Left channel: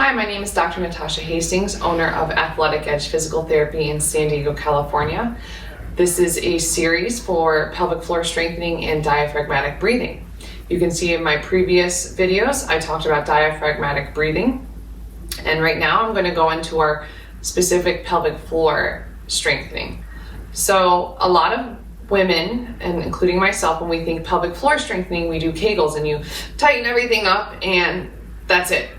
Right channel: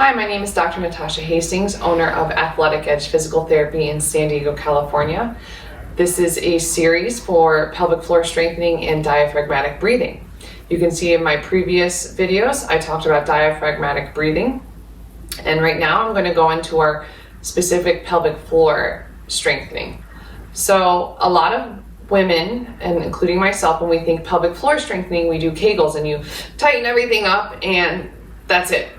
Hi, my name is Dr. Natasha Hastings, owner of Athletic Edge Physical Therapy in San Diego, California. This is a series for pelvic floor strengthening and diaphragmatic breathing. You can see in my previous videos, I talked about diaphragmatic breathing. And right now I'm going to go into our specific pelvic floor strengthening. So a lot of women, and including myself, when we think pelvic floor strengthening, we do Kegels and you tighten everything up and that's it.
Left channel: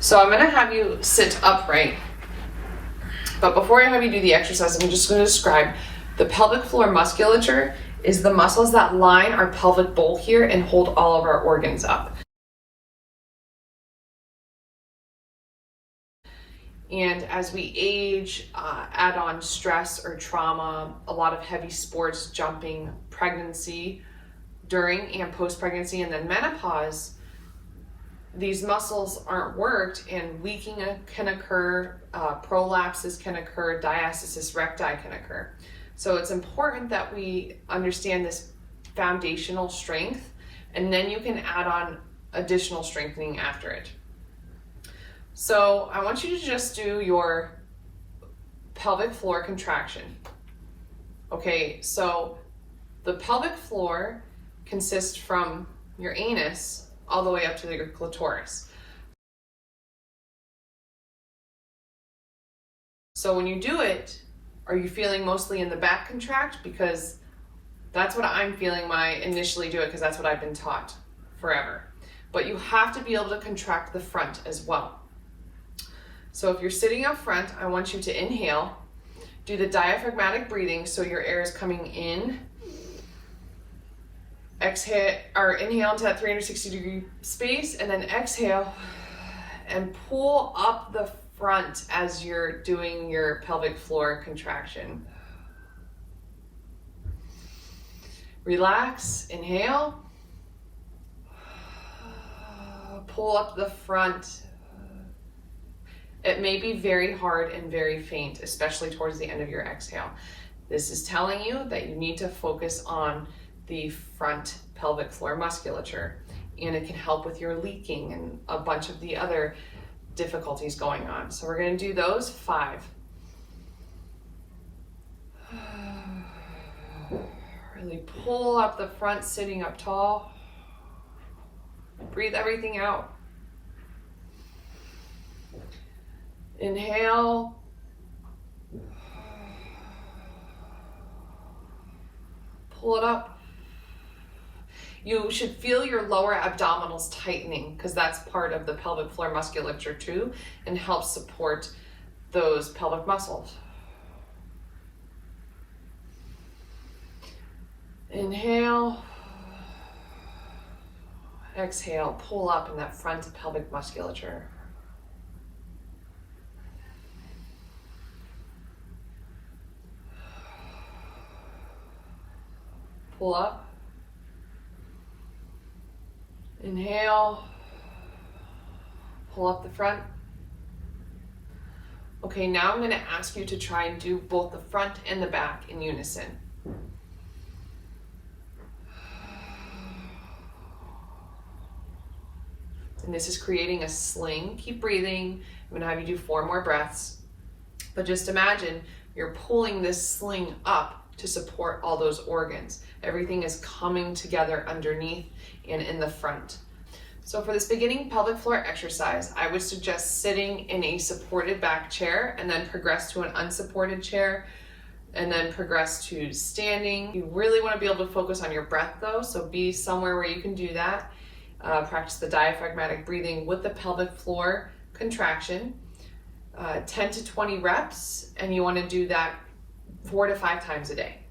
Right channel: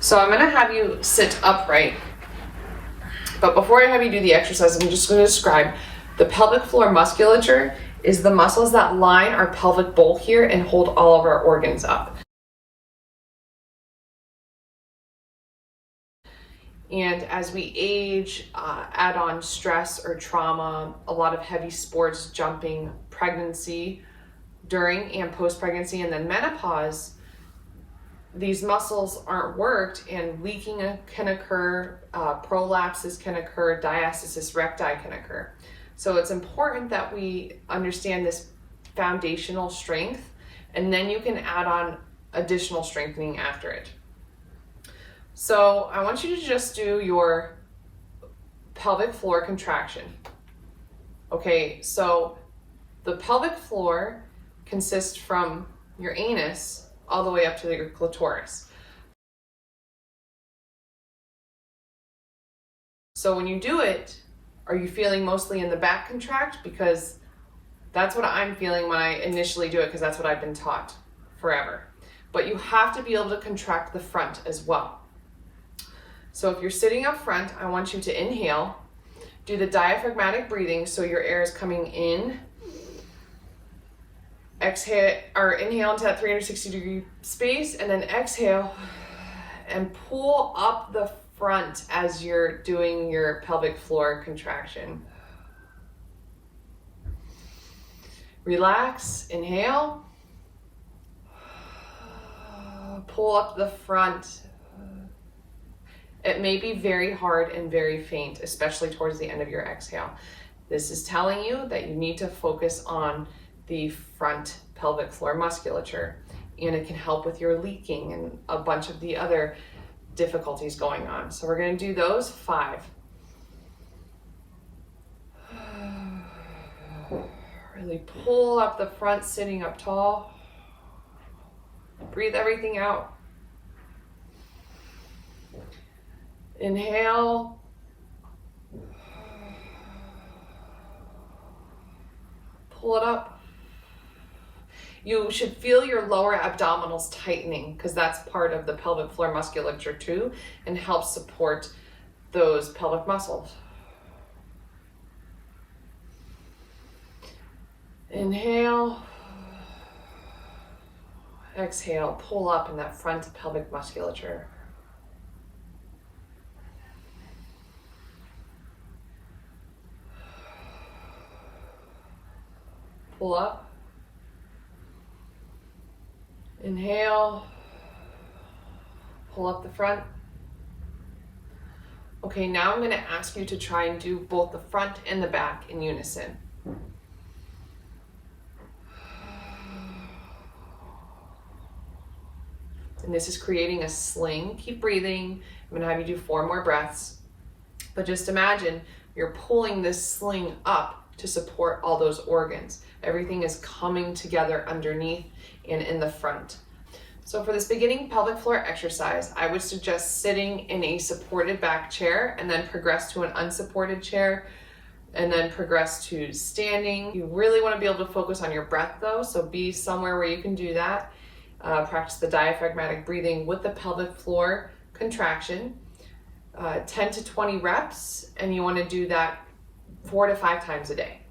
So I'm going to have you sit upright, but before I have you do the exercise, I'm just going to describe the pelvic floor musculature is the muscles that line our pelvic bowl here and hold all of our organs up. And as we age, add on stress or trauma, a lot of heavy sports, jumping, pregnancy, during and post-pregnancy, and then menopause, these muscles aren't worked and leaking can occur, prolapses can occur, diastasis recti can occur. So it's important that we understand this foundational strength, and then you can add on additional strengthening after it. So I want you to just do your pelvic floor contraction. Okay, so the pelvic floor consists from your anus all the way up to your clitoris. So when you do it, are you feeling mostly in the back contract? Because that's what I'm feeling when I initially do it, because that's what I've been taught forever. But you have to be able to contract the front as well. So if you're sitting up front, I want you to inhale, do the diaphragmatic breathing, so your air is coming in. Exhale or inhale into that 360-degree space, and then exhale and pull up the front as you're doing your pelvic floor contraction. Relax, inhale, pull up the front. It may be very hard and very faint, especially towards the end of your exhale. This is telling you that you need to focus on the front pelvic floor musculature, and it can help with your leaking and a bunch of the other difficulties going on. So we're going to do those 5. Really pull up the front, sitting up tall. Breathe everything out. Inhale. Pull it up. You should feel your lower abdominals tightening, because that's part of the pelvic floor musculature too, and helps support those pelvic muscles. Inhale. Exhale, pull up in that front pelvic musculature. Pull up. Inhale, pull up the front. Okay, now I'm going to ask you to try and do both the front and the back in unison. And this is creating a sling. Keep breathing. I'm going to have you do 4 more breaths. But just imagine you're pulling this sling up to support all those organs. Everything is coming together underneath and in the front. So for this beginning pelvic floor exercise, I would suggest sitting in a supported back chair and then progress to an unsupported chair and then progress to standing. You really want to be able to focus on your breath though, so be somewhere where you can do that. Practice the diaphragmatic breathing with the pelvic floor contraction. 10 to 20 reps, and you want to do that 4 to 5 times a day.